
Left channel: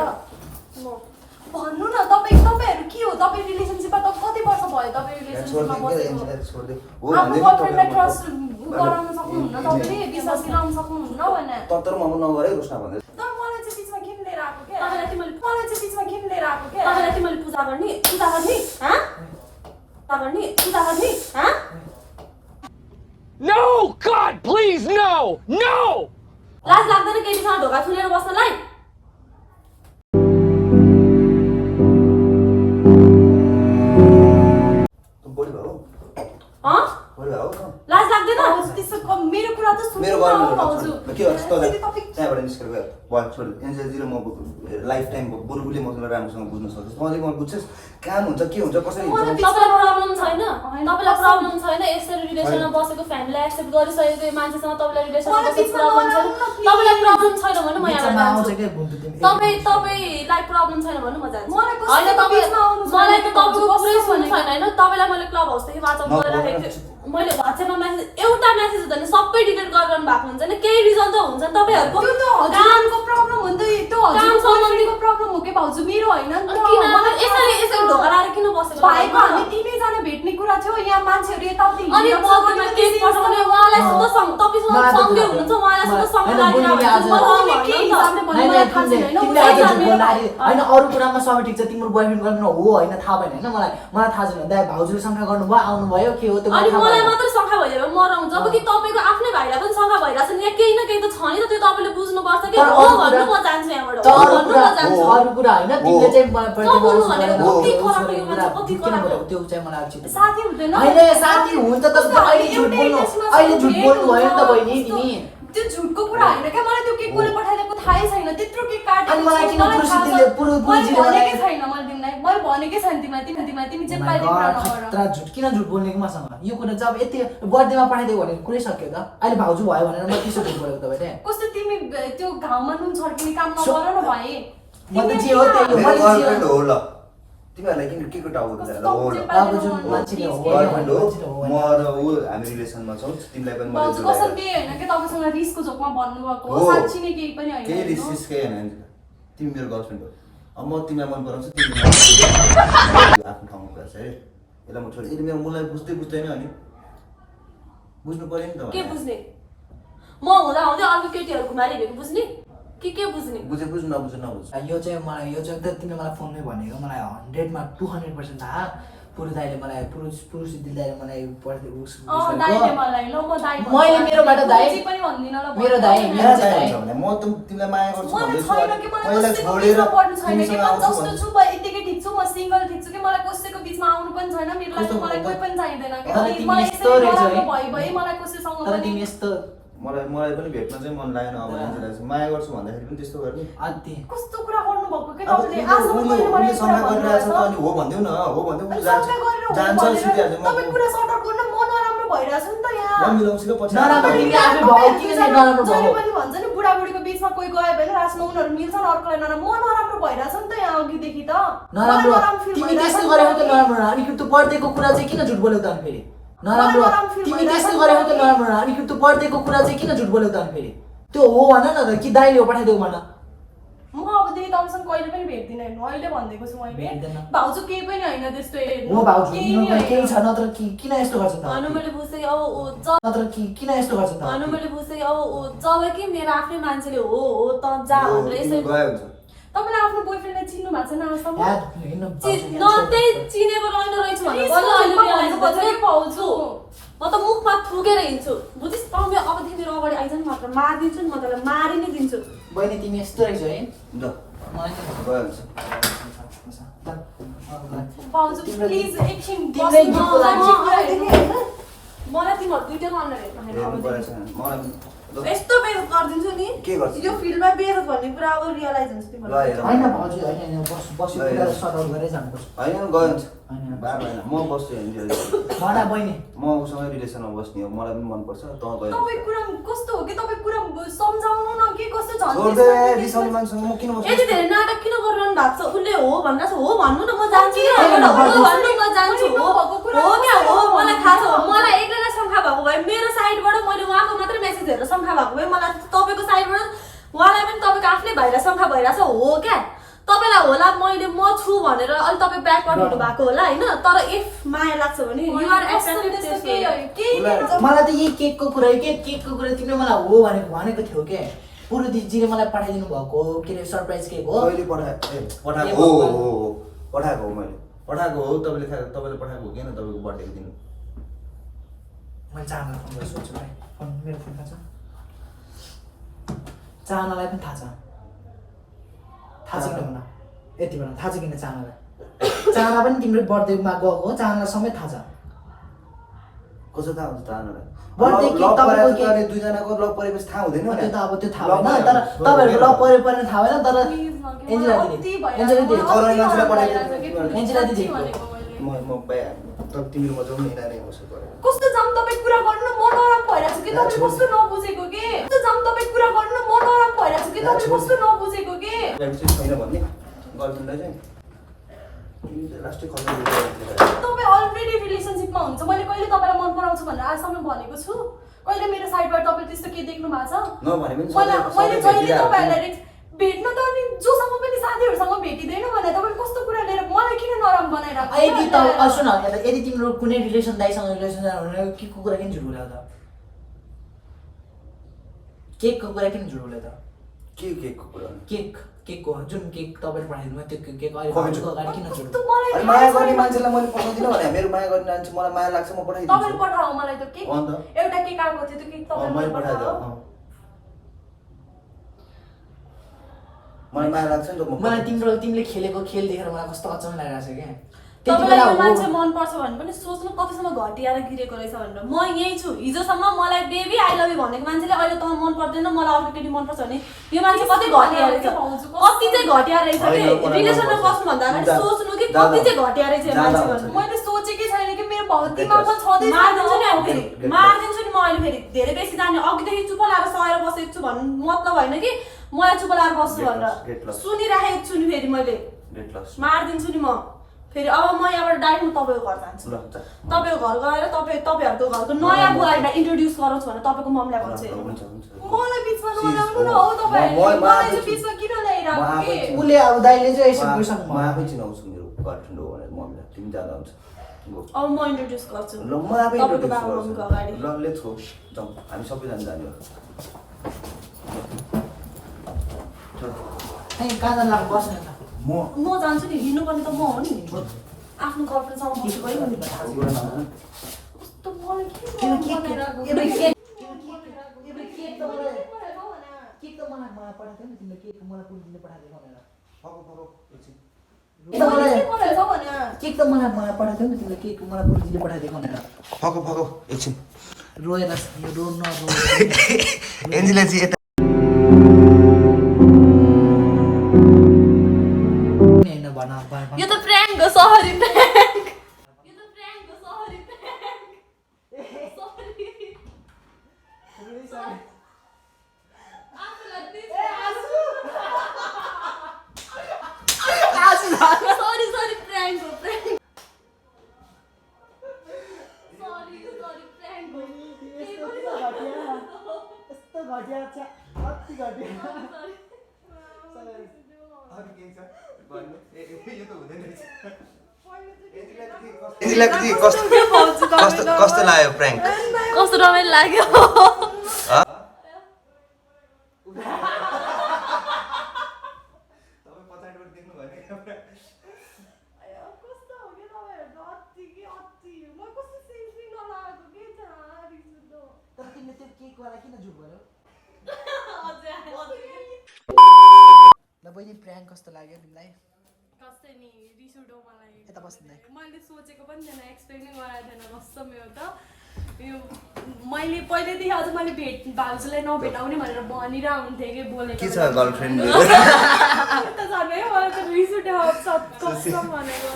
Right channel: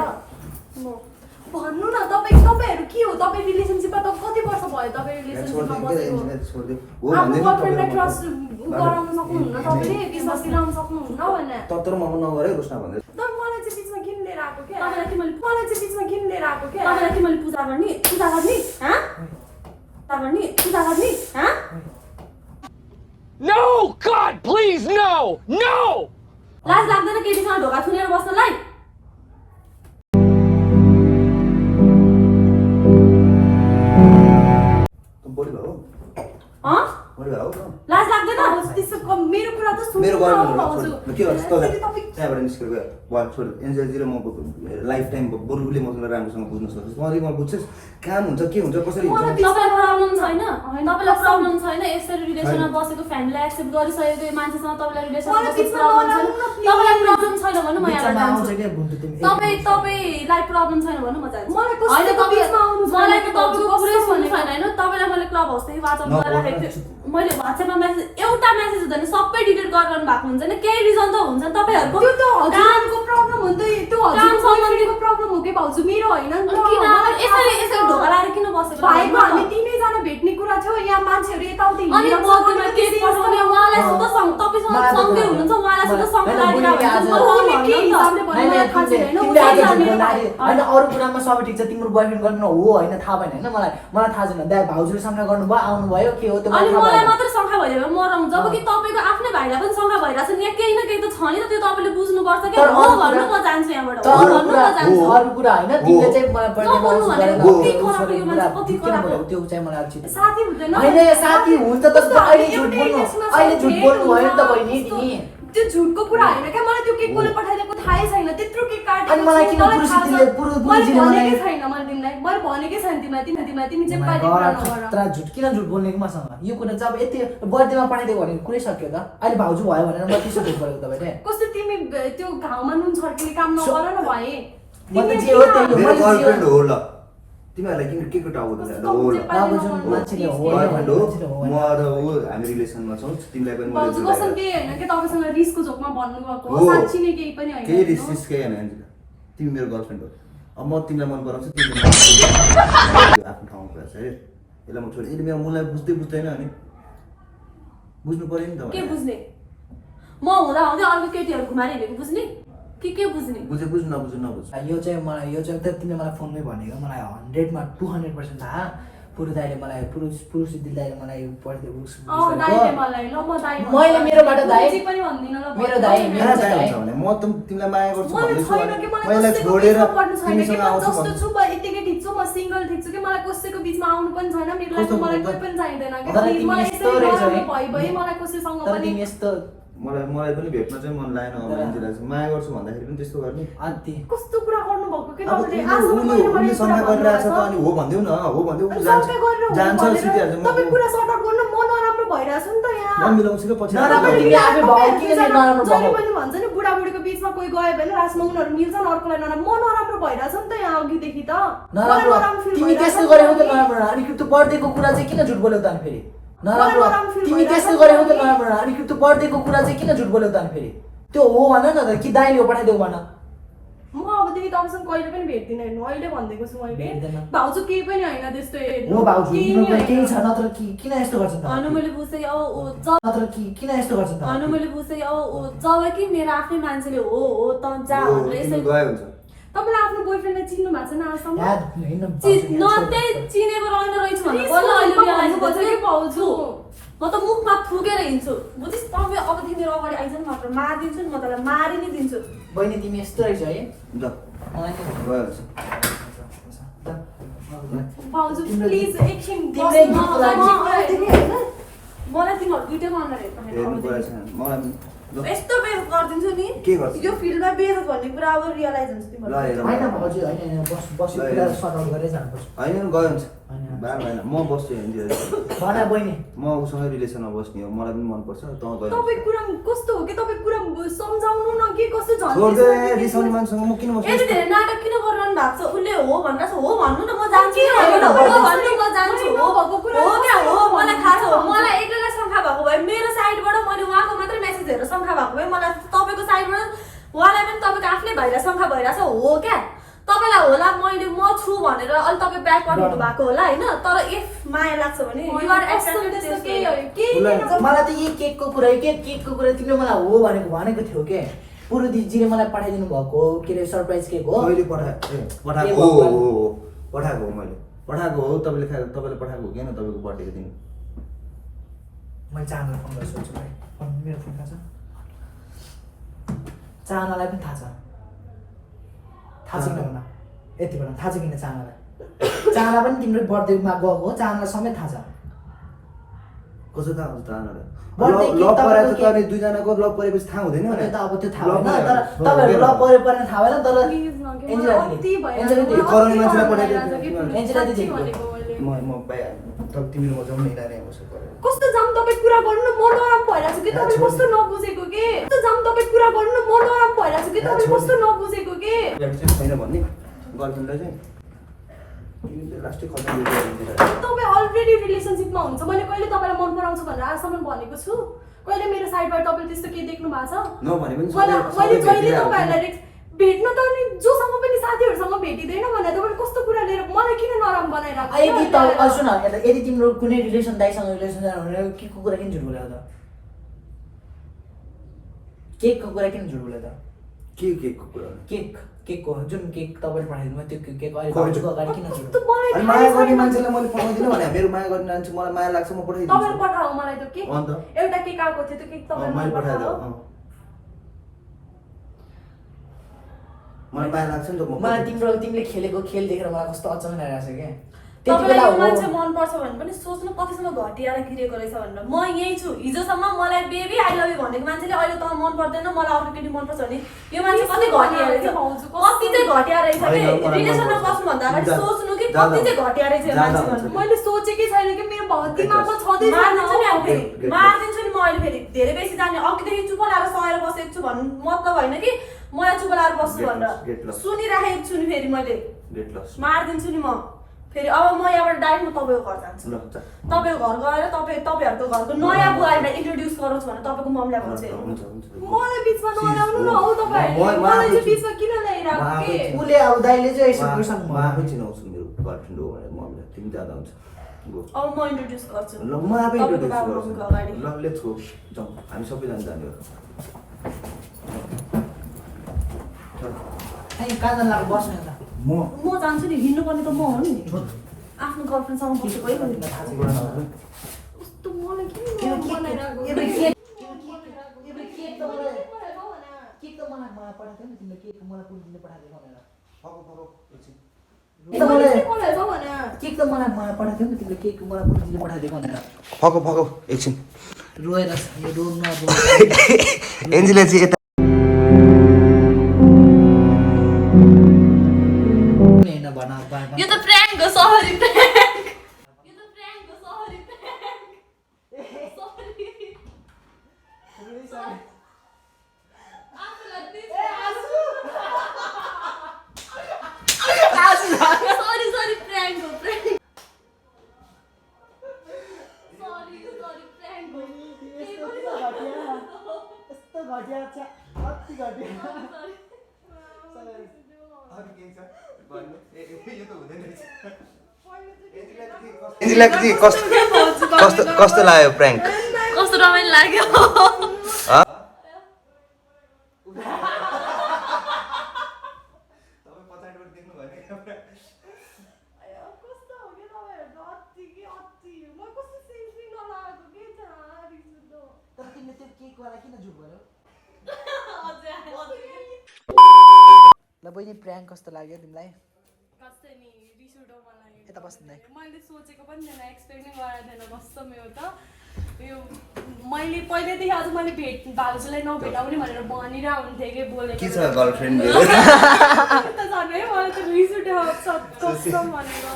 भन्नु न तपाईँहरू के हो तपाईँ रिलेसनसिपमा त कति वर्ष भयो तपाईँ रिलेसनसिपमा बसेको आफ्नो गर्लफ्रेन्डलाई ट्रस्ट गराउन सक्नुहुन्न तपाईँले विश्वास दिलाउन सक्नुहुन्न भने तर म नगरे रुस्ना भन्दै तर मलाई चाहिँ बिचमा किन लिएर आएको के तपाईँलाई तिमीले मलाई चाहिँ बिचमा किन लिएर आएको के तपाईँलाई तिमीले पूजा गर्ने पूजा गर्ने हाँ No! God, please, no! No! लाज लाग्दैन केटीसँग ढोका थुनेर बस्नलाई त बढी भयो हँ बढी भयो लाज लाग्दैन त्यसको मेरो कुरा त सुन्नु मेरो न गर्नु भाउजू के गर्छ त त्यहाँबाट निस्केर गयो वा छोड एन्जेलजी र म लाइफ टाइम बरु उसले मसँग राम्रोसँग बुझ्न सक्छ तँले म बुझ्छस् काम हुन्छ के हुन्छ कसरी हुन्छ तपाईँलाई प्रब्लम छैन तपाईँलाई प्रब्लम छैन यसरी रिलेसनमा बसेको फ्यामिलीलाई एक्सेप्ट गरिसकेको मान्छेसँग तपाईँलाई रिलेसनमा बसेको प्रब्लम छैन तपाईँलाई प्रब्लम छैन भने म यहाँ बिचमा आउँछ जान्छु के बुन्टु तिमी तपाईँलाई प्रब्लम छैन भने म जान्छु मलाई कस्तो होइन तपाईँ बिचमा आउनु छैन मलाई त भाउजू, तपाईँको कस्तो पुरै सुन्नु भनेको? छैन होइन तपाईँलाई मैले क्लब हाउसदेखि वाट्सएप गरिराखेको थिएँ मैले वाट्सएपमा मेसेज एउटा मेसेज हुँदैन सबै डिलिट गरिरहनु भएको हुन्छ नि केही रिजन त हुन्छ नि तपाईँहरूको त्यो त हजुरको प्रब्लम हो नि त त्यो हजुरको सम्बन्धीको प्रब्लम हो कि भाउजू मेरो होइन नि त किन मलाई यसरी यसरी ढोका लाएर किन बसेको भाइको हामी तिनैजना भेट्ने कुरा थियो यहाँ मान्छेहरू यताउति अनि बदलीमा केस पर्छ भने उहाँलाई सुन्दा तपाईँसँग सँगै हुनुहुन्छ उहाँलाई सुन्दा सँगै होइन अरू कुरामा सबै ठिक छ तिम्रो बोयफ्रेन्ड गर्नु हो होइन थाहा भएन होइन मलाई थाहा छैन दाइ भाउजूले शङ्का गर्नुभयो आउनुभयो के हो त्यो अनि मलाई मात्रै शङ्का भइदियो भने मरौँ जब कि तपाईँको आफ्नै भाइलाई पनि शङ्का भइरहेको छ नि यहाँ केही न केही त छ नि त त्यो तपाईँले बुझ्नुपर्छ कि हो भन्नु म जान्छु यहाँबाट तर हो अरू भन्नु कुरा म जान्छु अरू कुरा होइन तिमीले चाहिँ मलाई बर्थडेमा उसो गरेर कति खराब यो मान्छे, कति किन खराब बोलेको त्यो चाहिँ मलाई उचित साथी हुँदैन होइन साथी हुन्छ त अहिले झुट बोल्नु भयो नि त बहिनी तिमी त्यो झुटको कुरा होइन क्या मलाई त्यो केक कसले पठाइदिएको थाहै छैन त्यत्रो केक अनि मलाई किन पुरो मैले भनेकै छैन मैले तिमीलाई मैले भनेकै छैन तिमीलाई तिमी चाहिँ पाइदिएको कुरा नगर खतरा झुट किन झुट बोल्ने कि मसँग यो कुरा चाहिँ अब यति बर्थडेमा पठाइदिएको भने कुरै सक्यो त अहिले भाउजू भयो भनेर म त्यसो झुट बोलेको तपाईँले कस्तो तिमी त्यो घाउमा नुन छर्किने काम नगर न भाइ म त जे हो त्यही हो मेरो मैले जे गर्लफ्रेन्ड हो हो ल तिमीहरूलाई किन के को टाउको दुखायो ल हो ल भाउजू मान्छेले हो गर्लफ्रेन्ड हो मान्छेले हो म र ऊ हामी रिलेसनमा छौँ तिमीलाई पनि भाउजू मैले कसम केही होइन कि तपाईँसँग रिसको झोकमा भन्नुभएको हो। हो साँच्ची नै केही पनि केही होइन रिस केही होइन एन्जिला तिमी मेरो गर्लफ्रेन्ड हो अब म तिमीलाई मन पराउँछु तिमी आफ्नो ठाउँमा कुरा छ है यसलाई म छोड यदि मेरो मलाई बुझ्दै बुझ्दैन अनि बुझ्नु पर्यो नि त के बुझ्ने म हुँदा हुँदै अर्को केटीहरू घुमाएर हिँडेको बुझ्ने के बुझ्ने बुझे बुझ्नु नबुझ्नु नबुझ यो चाहिँ मलाई यो चाहिँ तिमीले मलाई फोनमै भनेको मलाई 100मा 200% थाहा पुरु दाइले मलाई पुरुष दिदीले मलाई अँ दाइले मलाई ल म दाइ मैले मेरोबाट दाइ जे पनि भन्दिनँ ल मेरो दाइ यहाँ चाहिँ हुन्छ भने म तिमीलाई माया गर्छु मलाई भन्दैछु छैन कि मलाई मैले कसैको छोडेर बिचमा पर्नु छैन कि तिमीसँग म आउँछु जस्तो छु म यतिकै ठिक छु म सिङ्गल ठिक छु कि मलाई कसैको बिचमा आउनु पनि छैन मेरो लागि मलाई कोही पनि चाहिँदैन कि तर तिमी मलाई यस्तो यसरी रहेछौ नराम्रो है। भइ मलाई कसैसँग तर पनि तिमी यस्तो मलाई पनि भेट्न चाहिँ मन लागेन अब एन्जेलालाई माया गर्छु भन्दाखेरि पनि त्यस्तो गर्ने अन्ति कस्तो कुरा गर्नुभएको कि अब तपाईँले आजसम्म उसले मैले शङ्का कुरा गरिरहेछ त भन्नुभएको अनि हो भनिदेऊ न हो भनिदेऊ अनि जान्छ शङ्का गरेर हो जान्छ भनेर सुतिहाल्छ तपाईँ कुरा सर्ट आउट गर्नु म नराम्रो भइरहेछ नि त यहाँ म मिलाउँछु कि पछि नराम्रो आएर तिमी आफै भयो किन नराम्रो जहिले भयो पनि भन्छ नि बुढाबुढीको बिचमा कोही गयो भने रासमा उनीहरू मिल्छन् अर्कोलाई नराम्रो म नराम्रो भइरहेछ नि त यहाँ अघिदेखि त मलाई नराम्रो feel तिमी भइरहेछ त्यस्तो नि त। गरेको त नराम्रो अनि त्यो बर्थडेको कुरा चाहिँ किन झुट बोलेको त अनि फेरि मलाई नराम्रो नराम्रो feel तिमी भइरहेछ त्यस्तो नि गरेको त। त नराम्रो अनि त्यो बर्थडेको कुरा चाहिँ किन झुट बोलेको त अनि फेरि त्यो हो भन न त कि दाइले हो पठाइदिएको भन म अबदेखि तपाईँसँग कहिले पनि भेट्दिनँ हेर्नु अहिले भनिदिएको छु मैले भेट्दैन। भाउजू केही पनि होइन त्यस्तो हेर्नु हो भाउजू केही तिम्रो नि केही होइन। छ नत्र किन यस्तो गर्छ त होइन मैले बुझेँ कि नत्र किन यस्तो गर्छ त होइन मैले बुझेँ कि जब कि मेरो आफ्नै मान्छेले हो त जा भनेर यसरी गयो हुन्छ तपाईँले आफ्नो बोयफ्रेन्डलाई चिन्नु भएको छैन आजसम्म याद हिँड्नु नत्तै चिनेको रहँदो रहेछ भनेर प्लिज बल्ल अहिले realize भन्नुपर्छ गरेँ। कि भाउजू म त मुखमा थुकेर हिँड्छु बुझिस् तपाईँ अबदेखि मेरो अगाडि आइज नि मात्र मारिदिन्छु नि म तँलाई मारि नै दिन्छु बहिनी तिमी यस्तो रहेछ है ल मलाई चाहिँ गयो हुन्छ भाउजू प्लिज एकछिन तिम्रै बस्नु दिनको लागि। मलाई तिमीहरू दुइटै अनुहार हेर्नु गएको छैन मलाई पनि ल यस्तो बेइज्जत गरिदिन्छु नि के गर्छु? यो फिल्डमा बेइज्जत भन्ने कुरा अब रियलाइज हुन्छ तिमीहरू ल हेर होइन भाउजू होइन बस्यो ल, कुरा ल। सदर गरेर जानुपर्छ होइन गयो हुन्छ होइन। बार भएन म बस्छु हेर्नु भना बहिनी म उसँग रिलेसनमा बस्ने हो मलाई पनि मनपर्छ त गयो तपाईँ कुरा कस्तो हो कि तपाईँ कुरा सम्झाउनु न के कस्तो छोड दे झन् रिसाउने मान्छेसँग म किन यति बस्छु धेरै नाटक किन गरिरहनु भएको छ उसले हो भनिरहेको छ हो भन्नु न म जान्छु के होइन, हो हो भन्नु? भन्नु म जान्छु होइन, हो भएको कुरा हो क्या हो कस्तो मलाई थाहा छ भन्नु? मलाई एकैलाई शङ्का भएको भए मेरो साइडबाट मैले उहाँको मात्रै मेसेज हेरेर शङ्का भएको भए मलाई तपाईँको साइडबाट उहाँलाई पनि तपाईँको आफ्नै भाइलाई शङ्का भइरहेछ हो क्या तपाईँलाई होला मैले म छु भनेर अलि तपाईँ ब्याक गर्नु भएको होला होइन तर इफ माया लाग्छ भने यु आर मलाई त यही केकको कुरा केकको कुरा तिमीले मलाई हो भनेको थियो के पुरुदिजीले मलाई पठाइदिनु भएको के अरे सरप्राइज केक हो कहिले पठाएको हो पठाएको हो मैले पठाएको हो तपाईँले पठाएको हो किन तपाईँको बर्थडेको दिन मैले चाहनालाई फोन गरेर सोध्छु भाइ फोन मेरो फोन थाहा छ चाहनालाई पनि थाहा छ किन भन यति भन थाहा छ किन चाहनालाई चाहना पनि तिम्रो बर्थडेमा गएको हो चाहनालाई समेत थाहा छ कसो थाहा हुन्छ तानलाई बर्थडे केक लभ तपाईँको परेको त केक- अनि दुईजनाको लभ परेपछि थाहा हुँदैन त्यो भने त अब त्यो थाहा लभ भएन परेको तर हो, तपाईँहरू के ल पऱ्यो परेन थाहा भएन तर कति एन्जेला दिदी कराउने मान्छेलाई पठाइदिएको एन्जेला दिदी म तिमीहरू म जाउँ न नानी कसो गरेर कस्तो जाम तपाईँ कुरा गर्नु न म नरम भइरहेको छु कि तपाईँले कस्तो नबुझेको के कस्तो जाम तपाईँ कुरा गर्नु न म नरम भइरहेको छु कि तपाईँले कस्तो नबुझेको के छैन भन्ने गर्लफ्रेन्डलाई चाहिँ लास्टै खतम तपाईँ अलरेडी रिलेसनसिपमा हुन्छ मैले कहिले तपाईँलाई मन पराउँछु भनेर आजसम्म भनेको छु कहिले मेरो साइडबाट तपाईँले त्यस्तो के देख्नु भएको छ नभने पनि मैले जहिले तपाईँहरूलाई भेट्न त अनि जोसँग पनि साथीहरूसँग भेटिँदैन भने तपाईँले कस्तो कुरा लिएर मलाई किन नरम बनाइरहेको यदि त सुन यदि तिम्रो कुनै रिलेसन दाइसँग रिलेसन जानु भने केकको कुरा किन झुट बोल्यो त केकको कुरा किन झुट बोल्यो त केकको कुरा केकको जुन केक तपाईँले पठाइदिनु भयो त्यो केक अहिले खै भाउजूको अगाडि किन झुट बोल्यो? अनि माया गर्ने मान्छेलाई मैले पठाउँदिनँ भने मेरो माया गर्ने मान्छे मलाई माया लाग्छ म तपाईँले पठाइदिन्छु पठाऊ मलाई त केक अन्त एउटा केक आएको थियो त्यो केक मैले तपाईँले पठाइदिएँ पठाऊ मलाई माया लाग्छ नि त मलाई तिमीले खेलेको खेल देखेर मलाई कस्तो अचम्म लागिरहेको छ क्या त्यति तपाईँलाई बेला यो मान्छे हो मनपर्छ भने पनि सोच्नु कतिसम्म घटिएर गिरेको रहेछ भनेर म यही छु हिजोसम्म मलाई बेबी आई लभ यु भनेको मान्छेले अहिले तँ मन पर्दैन मलाई अरू केटी मनपर्छ भने यो मान्छे कति घटिया रहेछ कति चाहिँ घटिया रहेछ कि रिलेसनमा बस्नुभन्दा अगाडि सोच्नु कि कति चाहिँ घटिया रहेछ यो मान्छे भनेर मैले सोचेकै छैन कि मेरो भौतिकमा छँदैछ मारिदिन्छु नि अब फेरि मारिदिन्छु नि म अहिले फेरि धेरै बेसी जाने अघिदेखि चुप लाएर सहेर बसेको छु भन्नु मतलब होइन कि मलाई चुप लाएर बस्छु Get भनेर lost. सुनिराखेको छु नि फेरि मैले गेट लस मारिदिन्छु नि म फेरि अब म यहाँबाट डाइरेक्ट म तपाईँको घर जान्छु ल तपाईँको घर गएर तपाईँहरूको घरको नयाँ बुवालाई इन्ट्रोड्युस गराउँछु भने तपाईँको मम्मीलाई भन्छ हुन्छ हुन्छ मलाई बिचमा नल्याउनु न हौ तपाईँहरूले मलाई चाहिँ बिचमा किन ल्याइरहेको के उसले अब दाइले चाहिँ यसो गरिसक्नु म आफै चिनाउँछु मेरो गर्लफ्रेन्ड हो भनेर म तिमी जाँदा हुन्छ अब म इन्ट्रोड्युस गर्छु ल म आफै तपाईँको इन्ट्रोड्युस बाबा गर्छु मम्मीको अगाडि ल लेट्स गो जाउँ हामी सबैजना जाने हो कहाँ जानु लाग्यो बस्नु त म म जान्छु नि हिँड्नुपर्ने त म हो नि आफ्नो गर्लफ्रेन्डसँग बसेको है मैले कस्तो मलाई किन केक नरम बनाइरहेको केक के? केक त मलाई पठाएको नि तिमीले केक मलाई पुरुषले पठाएको भनेर मैले चाहिँ बोलेको भने केक त मलाई पठाएको नि तिमीले केक मलाई पुरुषले पठाइदिएको भनेर फको एकछिन रोएर यो रोन एन्जिला चाहिँ यता होइन भन यो त प्र्याङ्क हो सहरी प्र्याङ्क यो त प्र्याङ्क हो सहरी प्र्याङ्क सरी सरी प्र्याङ्क हो प्र्याङ्क सरी प्र्याङ्क हो यस्तो घटिया छ कति घटिया एन्जिलाको चाहिँ कस्तो लाग्यो प्र्याङ्क कस्तो रमाइलो लाग्यो ल बहिनी प्र्याङ्क कस्तो लाग्यो तिमीलाई कस्तै नि रिस उठो मलाई यता बस्नु मैले सोचेको पनि थिएन एक्सपेक्ट नै गरेको थिएन कस्तो मेरो त यो मैले पहिल्यैदेखि अझ मैले भाउजूलाई नभेटाउने भनेर भनिरहेको हुन्थेँ कि बोलेको के छ गर्लफ्रेन्ड मलाई त रिस उठ्यो कस्तो भनेको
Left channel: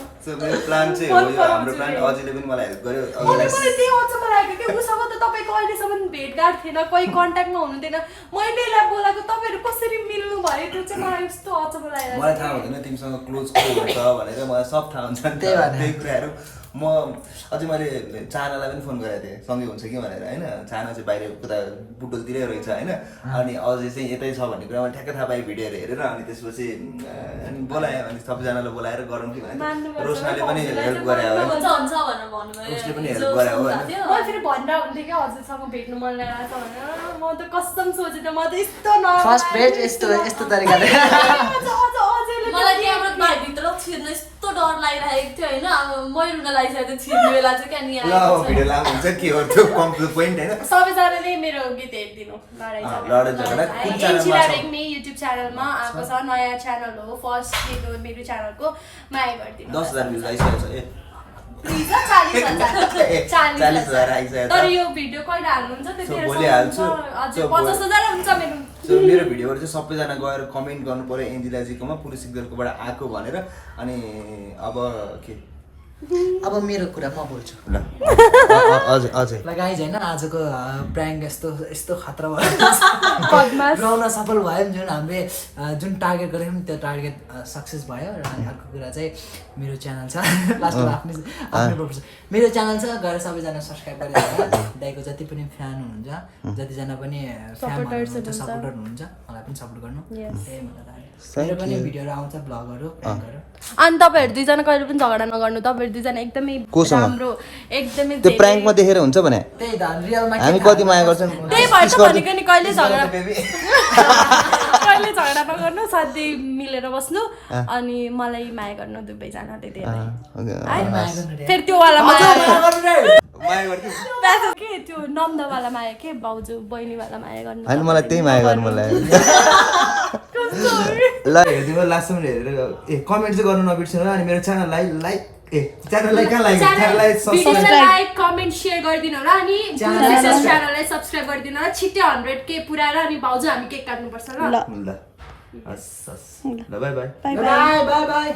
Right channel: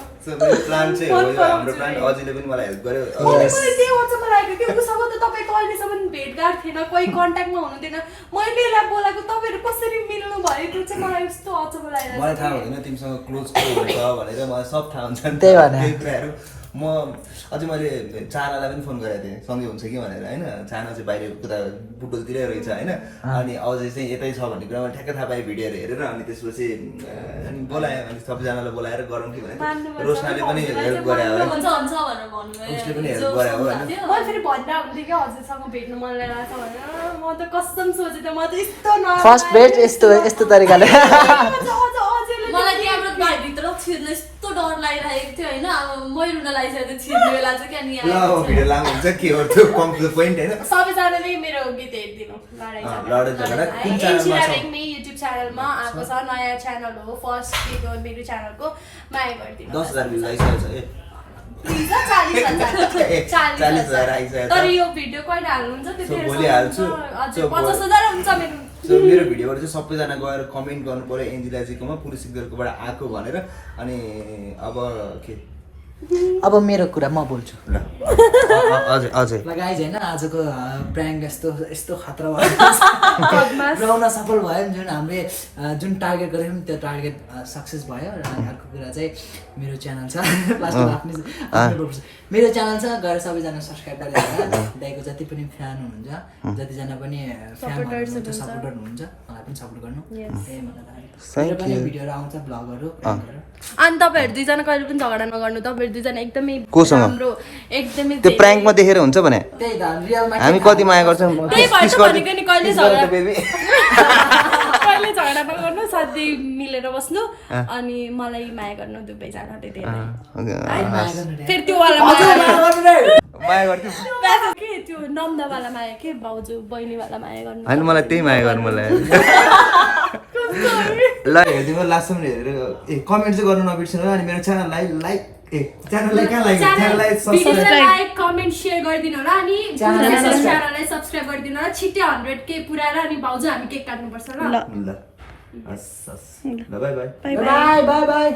प्लान चाहिँ हो हाम्रो प्लान अझैले पनि मलाई हेल्प गर्यो मलाई त्यही अचम्म लागेको कि उसँग त तपाईँको अहिलेसम्म भेटघाट थिएन कोही कन्ट्याक्टमा हुनुहुन्थेन मैले यसलाई बोलाएको तपाईँहरू कसरी मिल्नु भयो त्यो चाहिँ मलाई यस्तो अचम्म लागेको मलाई थाहा हुँदैन तिमीसँग क्लोज को हुन्छ भनेर मलाई सब थाहा हुन्छ नि त्यही भएर। त्यही कुराहरू म अझै मैले चानालाई पनि फोन गरेको थिएँ सँगै हुन्छ कि भनेर होइन चाना चाहिँ बाहिर उता बुटोलतिरै रहेछ होइन अनि अझै चाहिँ यतै छ भन्ने कुरा मैले ठ्याक्कै थाहा पाएँ भिडियोहरू हेरेर अनि त्यसपछि अनि बोलाएँ अनि सबैजनालाई बोलाएर गरौँ कि भनेर रोशनाले पनि हेल्प गरे हो हुन्छ भनेर भन्नुभयो उसले पनि हेल्प गरे हो होइन मैले फेरि भनिरहेको हुन्थेँ कि हजुरसँग भेट्नु मन लागेको छ भनेर म त कसम सोचेँ त म त यस्तो फर्स्ट भेट यस्तो तरिकाले मलाई त्यहाँबाट भाइभित्र छिर्नु यस्तो डर लागिरहेको थियो होइन अब मै रुन लागिसकेको थियो छिर्ने बेला चाहिँ क्या नि ल भिडियो लामो हुन्छ के हो त्यो कम्प्लिट पोइन्ट होइन सबैजनाले मेरो गीत हेरिदिनु लडाइँ झगडा कुन च्यानलमा छ युट्युब च्यानलमा आएको छ नयाँ च्यानल हो फर्स्ट गीत हो मेरो च्यानलको माया गरिदिनु 10,000 भ्युज आइसकेको छ प्लिज 40,000 आइसकेको तर छ यो भिडियो कहिले हाल्नुहुन्छ So, भोलि हाल्छु। हजुर So, 50,000 हुन्छ मेरो सो मेरो भिडियोबाट चाहिँ सबैजना गएर कमेन्ट गर्नु पर्यो एन्जिलाजीकोमा पुलिस सिग्नलकोबाट आएको भनेर अनि अब के अब मेरो कुरा म बोल्छु हजुर हजुर ल गाइज होइन आजको प्र्याङ्क यस्तो खतरा भयो राउन सफल भयो जुन हामीले जुन टार्गेट गरेको थियौँ त्यो टार्गेट सक्सेस भयो र अर्को कुरा चाहिँ मेरो च्यानल छ लास्टमा आफ्नो मेरो च्यानल छ गएर सबैजना सब्सक्राइब गरेर दाइको जति पनि फ्यान हुनुहुन्छ जतिजना पनि फ्यानहरू हुनुहुन्छ सपोर्टर हुनुहुन्छ मलाई पनि सपोर्ट गर्नु त्यही भनेर मेरो पनि भिडियोहरू आउँछ ब्लगहरू अनि तपाईँहरू दुईजना कहिले पनि झगडा नगर्नु तपाईँहरू दुईजना एकदमै कोसँग? राम्रो एकदमै त्यो प्र्याङ्कमा देखेर हुन्छ भने त्यही त रियलमा हामी कति माया गर्छौँ त्यही भएर त भनेको नि कहिले झगडा कहिले झगडा नगर्नु सधैँ मिलेर बस्नु अनि मलाई माया गर्नु दुवैजना त्यति फेरि त्यो वाला माया गर्थ्यौ के त्यो नन्दवाला माया के भाउजू बहिनीवाला माया गर्नु होइन मलाई त्यही माया गर्नु मलाई ल हेरिदिनु लास्टसम्म हेरेर कमेन्ट चाहिँ गर्नु नबिर्सिनु अनि मेरो च्यानललाई च्यानललाई कहाँ लाग्यो च्यानललाई सब्स्क्राइब लाइक कमेन्ट सेयर गरिदिनु होला अनि च्यानललाई सब्स्क्राइब गरिदिनु होला छिट्टै 100K पुऱ्याएर अनि भाउजू हामी केक काट्नुपर्छ ल ल हस् ल by by by by by